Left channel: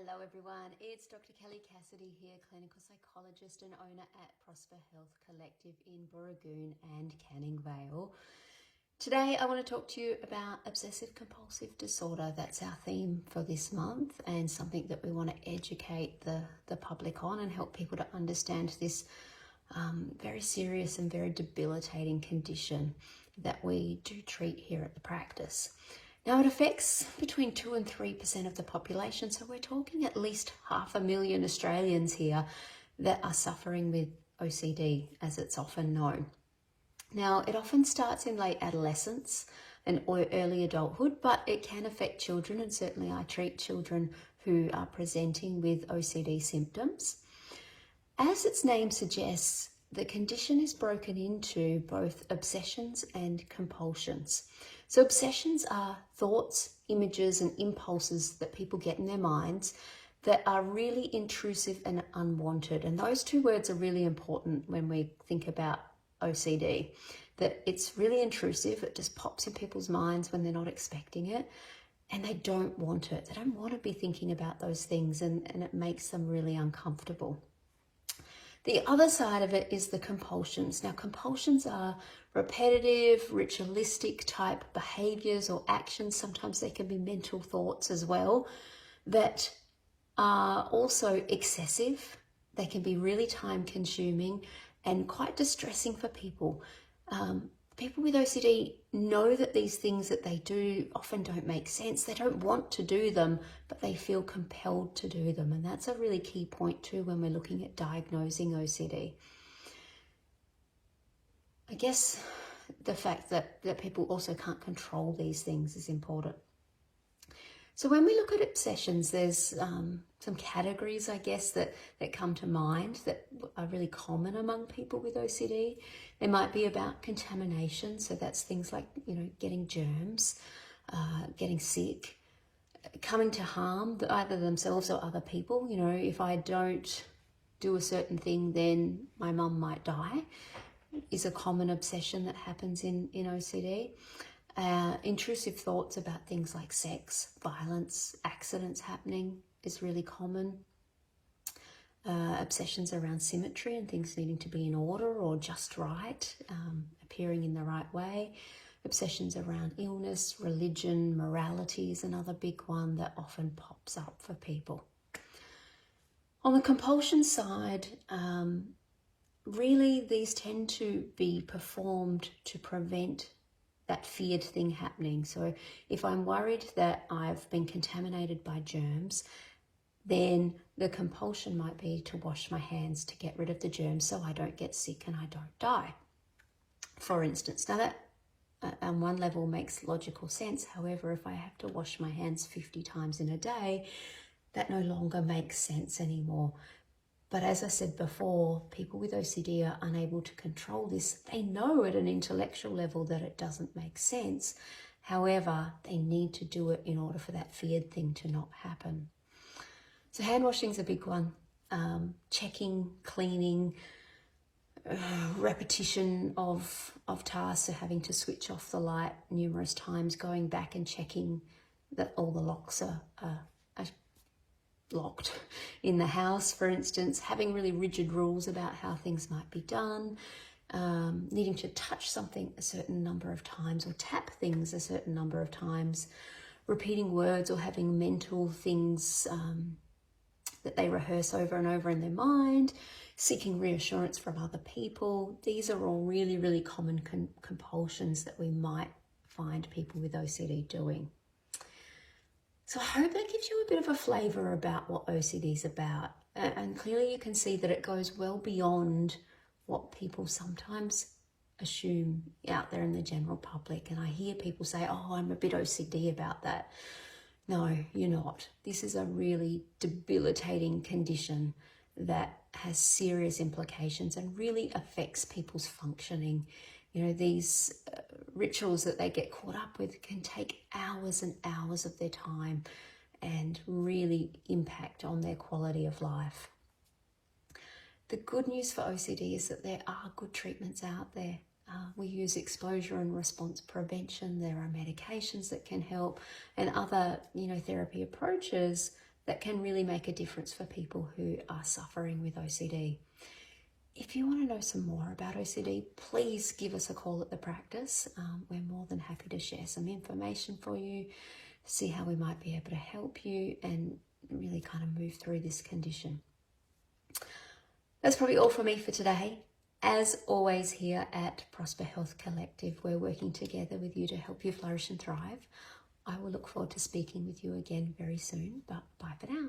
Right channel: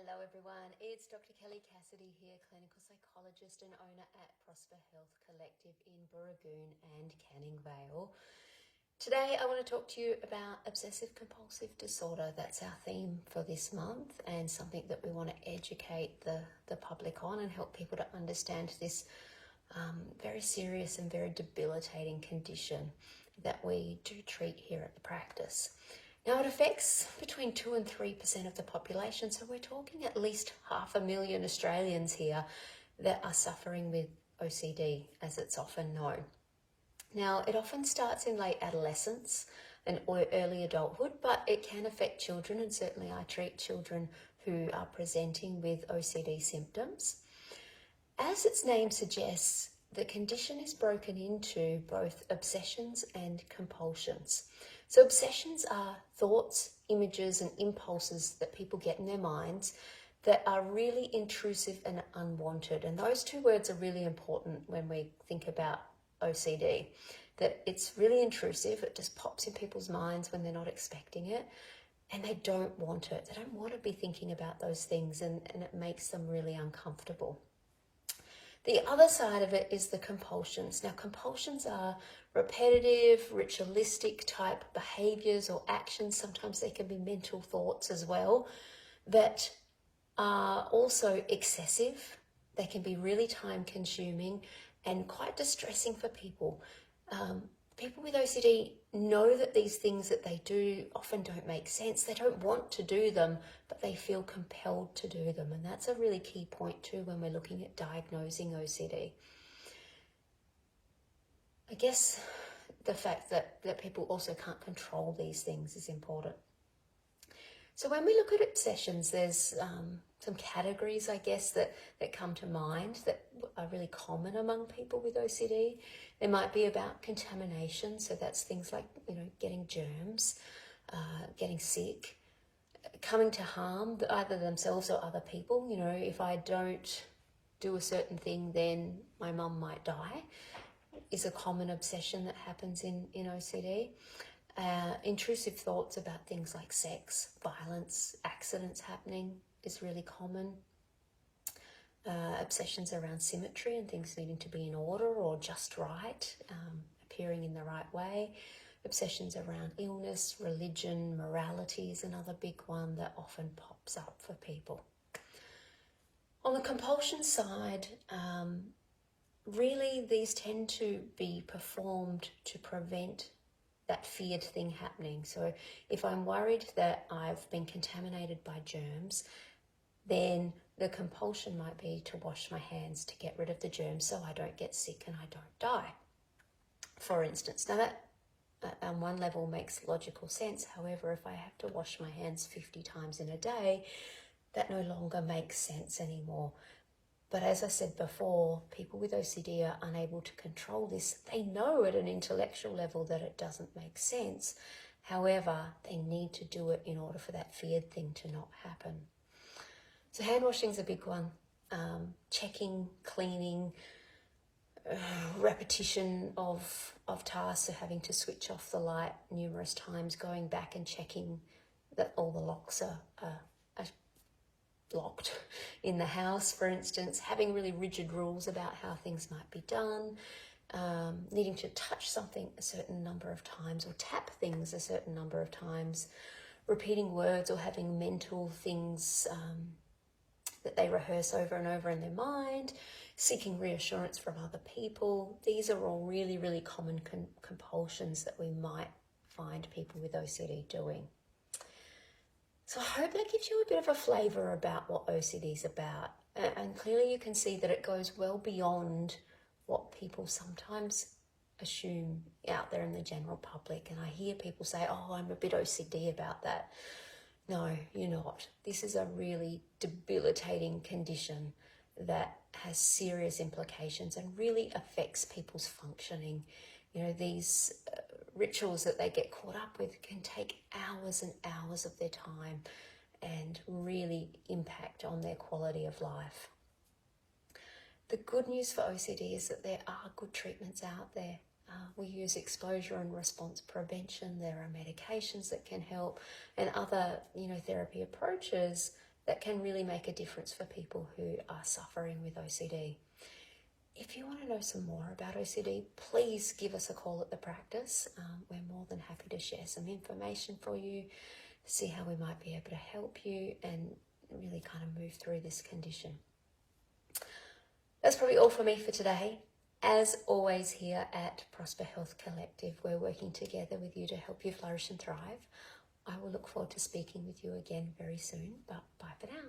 Hello everyone, it's Dr. Kelly Cassidy here, clinical psychologist and owner at Prosper Health Collective in Booragoon and Canning Vale. Today I want to talk to you about obsessive-compulsive disorder. That's our theme for this month and something that we want to educate the public on and help people to understand this very serious and very debilitating condition that we do treat here at the practice. Now, it affects between 2 and 3% of the population, so we're talking at least 500,000 Australians here that are suffering with OCD, as it's often known. Now, it often starts in late adolescence and early adulthood, but it can affect children, and certainly I treat children who are presenting with OCD symptoms. As its name suggests, the condition is broken into both obsessions and compulsions. So obsessions are thoughts, images, and impulses that people get in their minds that are really intrusive and unwanted. And those two words are really important when we think about OCD, that it's really intrusive. It just pops in people's minds when they're not expecting it, and they don't want it. They don't want to be thinking about those things, and it makes them really uncomfortable. The other side of it is the compulsions. Now, compulsions are repetitive, ritualistic type behaviors or actions. Sometimes they can be mental thoughts as well that are also excessive. They can be really time consuming and quite distressing for people. People with OCD know that these things that they do often don't make sense. They don't want to do them, but they feel compelled to do them. And that's a really key point too when we're looking at diagnosing OCD. I guess the fact that people also can't control these things is important. So when we look at obsessions, there's some categories, I guess, that come to mind that are really common among people with OCD. They might be about contamination. So that's things like, getting germs, getting sick, coming to harm either themselves or other people. If I don't do a certain thing, then my mum might die, is a common obsession that happens in OCD. Intrusive thoughts about things like sex, violence, accidents happening is really common. Obsessions around symmetry and things needing to be in order or just right, appearing in the right way. Obsessions around illness, religion, morality is another big one that often pops up for people. On the compulsion side, really these tend to be performed to prevent that feared thing happening. So if I'm worried that I've been contaminated by germs, then the compulsion might be to wash my hands to get rid of the germs so I don't get sick and I don't die, for instance. Now that on one level makes logical sense. However, if I have to wash my hands 50 times in a day, that no longer makes sense anymore. But as I said before, people with OCD are unable to control this. They know at an intellectual level that it doesn't make sense. However, they need to do it in order for that feared thing to not happen. So hand washing is a big one. Checking, cleaning, repetition of tasks, so having to switch off the light numerous times, going back and checking that all the locks are locked in the house, for instance, having really rigid rules about how things might be done, needing to touch something a certain number of times or tap things a certain number of times, repeating words or having mental things that they rehearse over and over in their mind, seeking reassurance from other people. These are all really, really common compulsions that we might find people with OCD doing. So I hope that gives you a bit of a flavour about what OCD is about. And clearly you can see that it goes well beyond what people sometimes assume out there in the general public. And I hear people say, oh, I'm a bit OCD about that. No, you're not. This is a really debilitating condition that has serious implications and really affects people's functioning. These rituals that they get caught up with can take hours and hours of their time and really impact on their quality of life. The good news for OCD is that there are good treatments out there. We use exposure and response prevention. There are medications that can help and other therapy approaches that can really make a difference for people who are suffering with OCD. If you want to know some more about OCD, please give us a call at the practice. We're more than happy to share some information for you, see how we might be able to help you and really kind of move through this condition. That's probably all for me for today. As always, here at Prosper Health Collective, we're working together with you to help you flourish and thrive. I will look forward to speaking with you again very soon, but bye for now.